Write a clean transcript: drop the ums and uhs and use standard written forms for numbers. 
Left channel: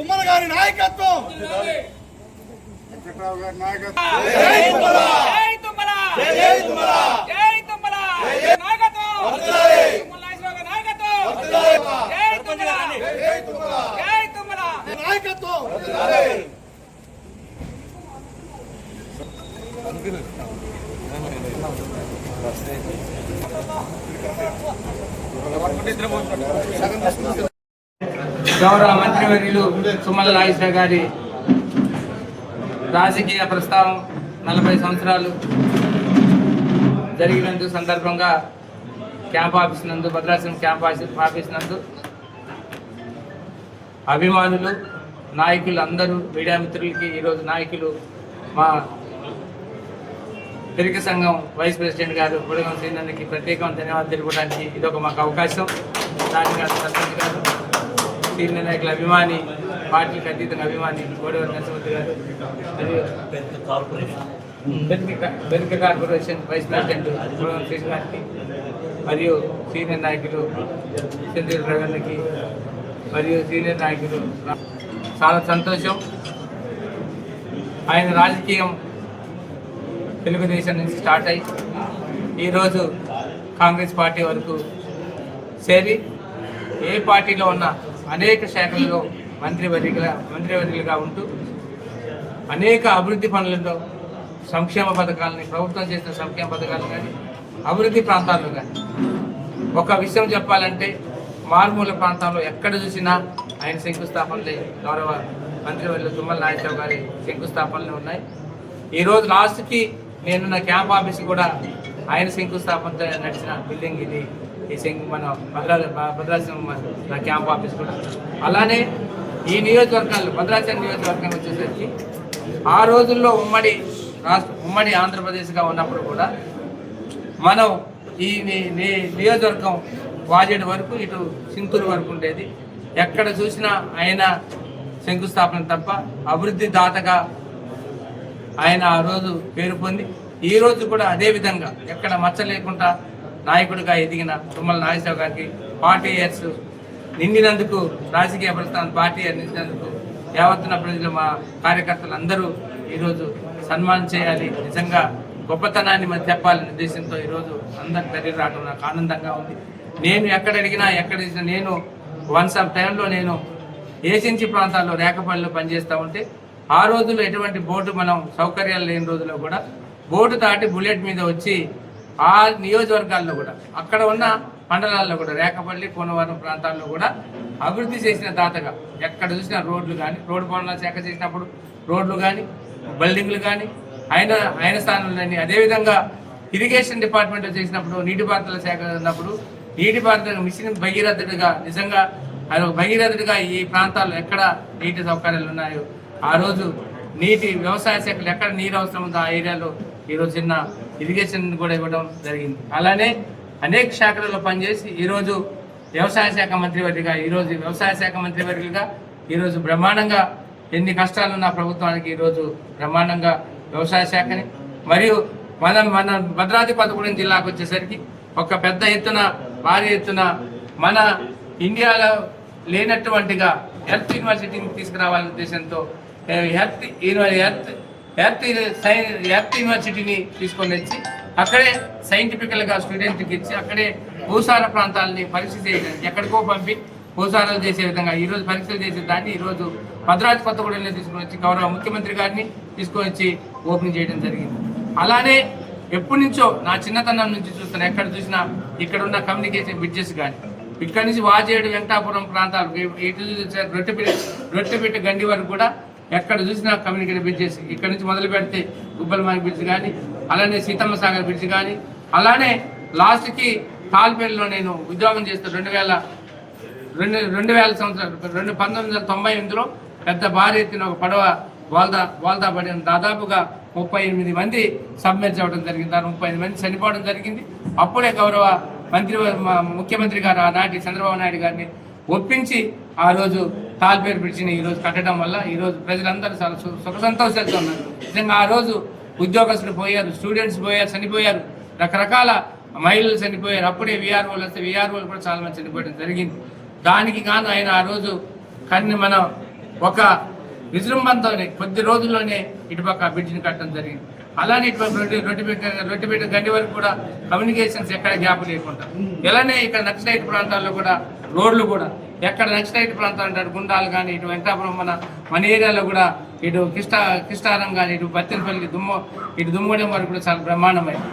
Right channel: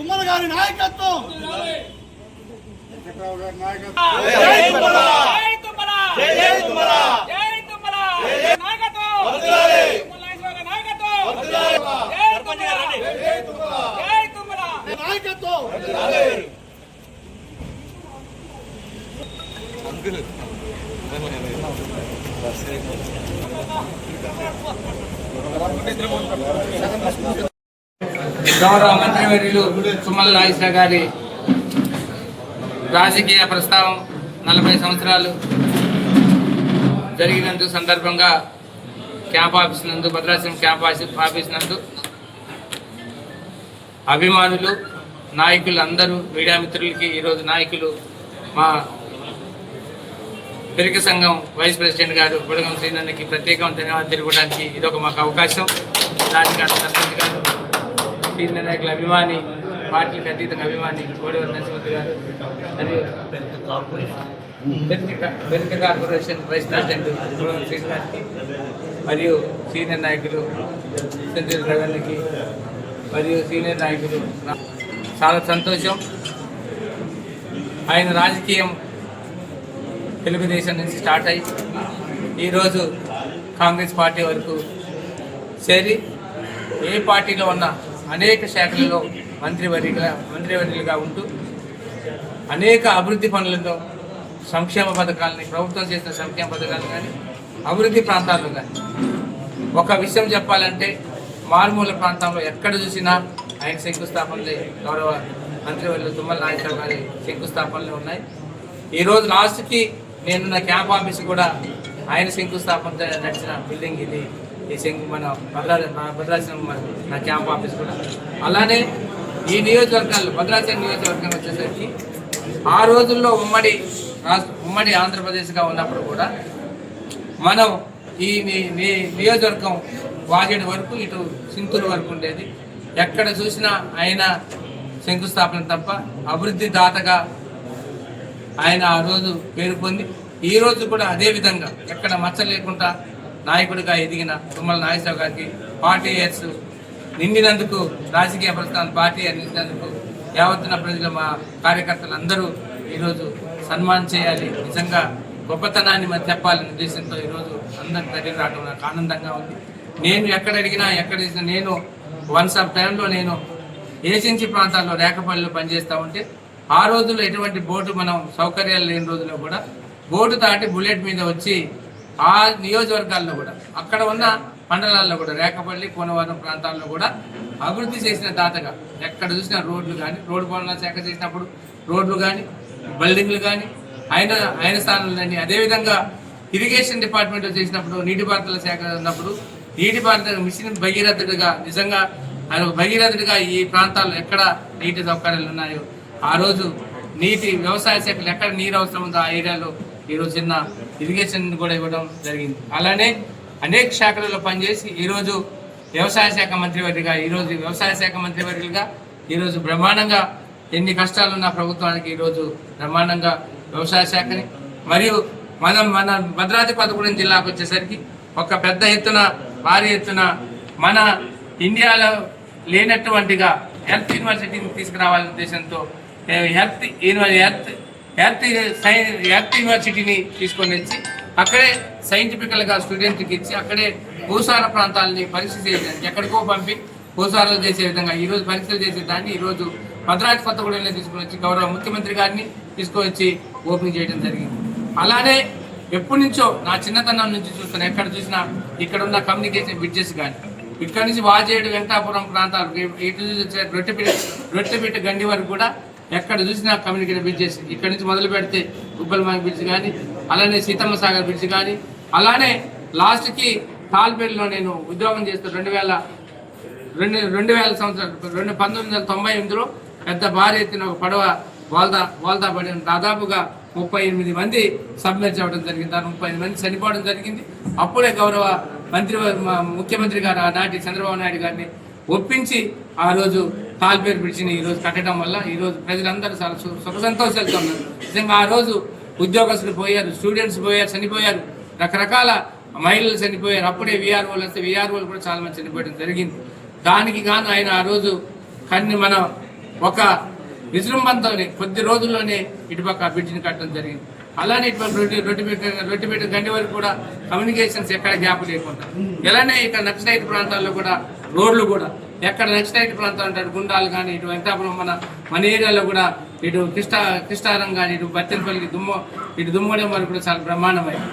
తుమ్మల గారి నాయకత్వం గౌరవ మంత్రివర్యులు తుమ్మల నాగేశ్వర గారి రాజకీయ ప్రస్థానం 40 సంవత్సరాలు జరిగినందుకు సందర్భంగా క్యాంప్ ఆఫీస్ నందు భద్రాచలం క్యాంప్ ఆఫీస్ నందు అభిమానులు నాయకులు అందరూ మీడియా మిత్రులకి ఈరోజు నాయకులు మా పెరిక సంఘం వైస్ ప్రెసిడెంట్ గారు బుడగం శ్రీనందకి ప్రత్యేకమైన ధన్యవాదాలు తెలుపడానికి ఇదొక మాకు అవకాశం. దానికి సర్పంచ్ గారు సీనియర్ నాయకుల అభిమాని పార్టీకి అతీతంగా అభిమాని కోడివరి నరసింహ గారు మరియు Perika corporation vice president Budagam Srini గారికి మరియు సీనియర్ నాయకులు సెంట్రల్ రవీణకి మరియు సీనియర్ నాయకులు చాలా సంతోషం. ఆయన రాజకీయం తెలుగుదేశం నుంచి స్టార్ట్ అయ్యి ఈరోజు కాంగ్రెస్ పార్టీ వరకు చేరి ఏ పార్టీలో ఉన్న అనేక శాఖలలో మంత్రివర్యులుగా ఉంటూ అనేక అభివృద్ధి పనులలో సంక్షేమ పథకాలని ప్రభుత్వం చేసిన సంక్షేమ పథకాలు కానీ అభివృద్ధి ప్రాంతాల్లో కానీ ఒక విషయం చెప్పాలంటే మారుమూల ప్రాంతంలో ఎక్కడ చూసినా ఆయన శంకుస్థాపనలే గౌరవ మంత్రివర్యులు తుమ్మల నాగేశ్వర గారి శంకుస్థాపనలు ఉన్నాయి. ఈరోజు లాస్ట్కి నేను నా క్యాంప్ ఆఫీస్ కూడా ఆయన శంకుస్థాపనతో నడిచిన బిల్డింగ్ ఇది. ఈ మన భద్రాచలం నా క్యాంప్ ఆఫీస్ కూడా అలానే ఈ నియోజకవర్గాలు భద్రాచలం నియోజకవర్గం వచ్చేసరికి ఆ రోజుల్లో ఉమ్మడి ఆంధ్రప్రదేశ్గా ఉన్నప్పుడు కూడా మనం ఈ నియోజకవర్గం వాజేడు వరకు ఇటు సింతూరు వరకు ఉండేది. ఎక్కడ చూసినా ఆయన శంకుస్థాపన తప్ప అభివృద్ధి దాతగా ఆయన ఆ రోజు పేరు పొంది ఈ రోజు కూడా అదే విధంగా ఎక్కడ మచ్చ లేకుండా నాయకుడిగా ఎదిగిన తుమ్మల నాగేశ్వర గారికి 40 years నిండినందుకు రాజకీయ ప్రస్థానం పార్టీ నిండినందుకు యావత్తున ప్రజలు మా కార్యకర్తలు అందరూ ఈరోజు సన్మానం చేయాలి. నిజంగా గొప్పతనాన్ని మనం చెప్పాలనే ఉద్దేశంతో ఈరోజు అందరి దగ్గర రావడం నాకు ఆనందంగా ఉంది. నేను ఎక్కడ అడిగినా నేను వన్స్ ఆఫ్ టైంలో నేను ఏజెన్సీ ప్రాంతాల్లో రేకపల్లిలో పనిచేస్తూ ఉంటే ఆ రోజుల్లో ఎటువంటి బోటు మనం సౌకర్యాలు లేని రోజుల్లో కూడా బోటు దాటి బుల్లెట్ మీద వచ్చి ఆ నియోజకవర్గాల్లో కూడా అక్కడ ఉన్న మండలాల్లో కూడా రేకపల్లి కోనవరం ప్రాంతాల్లో కూడా అభివృద్ధి చేసిన దాతగా ఎక్కడ చూసిన రోడ్లు కానీ రోడ్డు పనుల శాఖ చేసినప్పుడు రోడ్లు కానీ బిల్డింగ్లు కానీ ఆయన స్థానంలో కానీ అదేవిధంగా ఇరిగేషన్ డిపార్ట్మెంట్లో చేసినప్పుడు నీటిపారుదల శాఖ ఉన్నప్పుడు నీటిపారుదల మిషన్ భగీరథుడిగా నిజంగా ఆయన ఒక భగీరథుడిగా ఈ ప్రాంతాల్లో ఎక్కడ నీటి సౌకర్యాలు ఉన్నాయో ఆ రోజు వ్యవసాయ శాఖలు ఎక్కడ నీరు అవసరం ఉందో ఆ ఏరియాలో ఈరోజు చిన్న ఇరిగేషన్ కూడా ఇవ్వడం జరిగింది. అలానే అనేక శాఖలలో పనిచేసి ఈరోజు వ్యవసాయ శాఖ మంత్రివర్యులుగా ఈరోజు బ్రహ్మాండంగా ఎన్ని కష్టాలున్న ప్రభుత్వానికి ఈరోజు బ్రహ్మాండంగా వ్యవసాయ శాఖని మరియు మన భద్రాద్రి కొత్తగూడెం జిల్లాకు వచ్చేసరికి ఒక పెద్ద ఎత్తున భారీ ఎత్తున మన ఇండియాలో లేనటువంటిగా హెల్త్ యూనివర్సిటీని తీసుకురావాలనే ఉద్దేశంతో హెల్త్ యూనివర్సిటీని తీసుకొని వచ్చి అక్కడే సైంటిఫికల్గా స్టూడెంట్కి ఇచ్చి అక్కడే భూసార ప్రాంతాలని పరీక్ష చేయడానికి ఎక్కడికో పంపి భూసారాలు చేసే విధంగా ఈరోజు పరీక్షలు చేసే దాన్ని ఈరోజు భద్రాద్రి కొత్తగూడెంలో తీసుకుని వచ్చి గౌరవ ముఖ్యమంత్రి గారిని తీసుకొని వచ్చి ఓపెనింగ్ చేయడం జరిగింది. అలానే ఎప్పటి నుంచో నా చిన్నతనం నుంచి చూస్తున్నా ఎక్కడ చూసినా ఇక్కడ ఉన్న కమ్యూనికేషన్ బ్రిడ్జెస్ కానీ ఇక్కడి నుంచి వాజేడు వెంకటాపురం ప్రాంతాలు రొట్టెపేట గండి వరకు కూడా ఎక్కడ చూసినా కమ్యూనికేట్ బ్రిడ్జెస్ ఇక్కడ నుంచి మొదలు పెడితే గుబ్బలమాయి బ్రిడ్జ్ కానీ, అలానే సీతమ్మ సాగర్ బ్రిడ్జ్ కానీ, అలానే లాస్ట్కి తాల్పేరులో నేను ఉద్యోగం చేస్తూ 2000 సంవత్సరాలు 1998లో పెద్ద భారీ ఎత్తున ఒక పడవ వాల్దా పడి దాదాపుగా 38 మంది సబ్మెర్జ్ అవ్వడం జరిగింది. దాని 35 మంది చనిపోవడం జరిగింది. అప్పుడే గౌరవ ముఖ్యమంత్రి గారు ఆనాటి చంద్రబాబు నాయుడు గారిని ఒప్పించి ఆ రోజు తాల్పేరు బ్రిడ్జిని ఈరోజు కట్టడం వల్ల ఈరోజు ప్రజలందరూ చాలా సుఖ సంతోషాలతో ఉన్నారు. నిజంగా ఆ రోజు ఉద్యోగస్తులు పోయారు, స్టూడెంట్స్ పోయారు, చనిపోయారు, రకరకాల మహిళలు చనిపోయారు. అప్పుడే వీఆర్ఓలు వస్తే వీఆర్ఓలు కూడా చాలా మంది చనిపోవడం జరిగింది. దానికి గాను ఆయన ఆ రోజు మనం ఒక విజృంభంతోనే కొద్ది రోజుల్లోనే ఇటుపక్క బ్రిడ్జిని కట్టడం జరిగింది. అలానే ఇటుపక్క రొట్టిపేట గండి వరకు కూడా కమ్యూనికేషన్స్ ఎక్కడ గ్యాప్ లేకుండా, ఇలానే ఇక్కడ నక్సలైట్ ప్రాంతాల్లో కూడా రోడ్లు కూడా ఎక్కడ నక్సలైట్ ప్రాంతాలు అంటే గుండాలు కానీ, ఇటు వెంకటాపురం మన ఏరియాలో కూడా ఇటు కిష్టారం కానీ, ఇటు బత్తెనపల్లి ఇటు దుమ్మడం వరకు కూడా చాలా బ్రహ్మాండమైంది.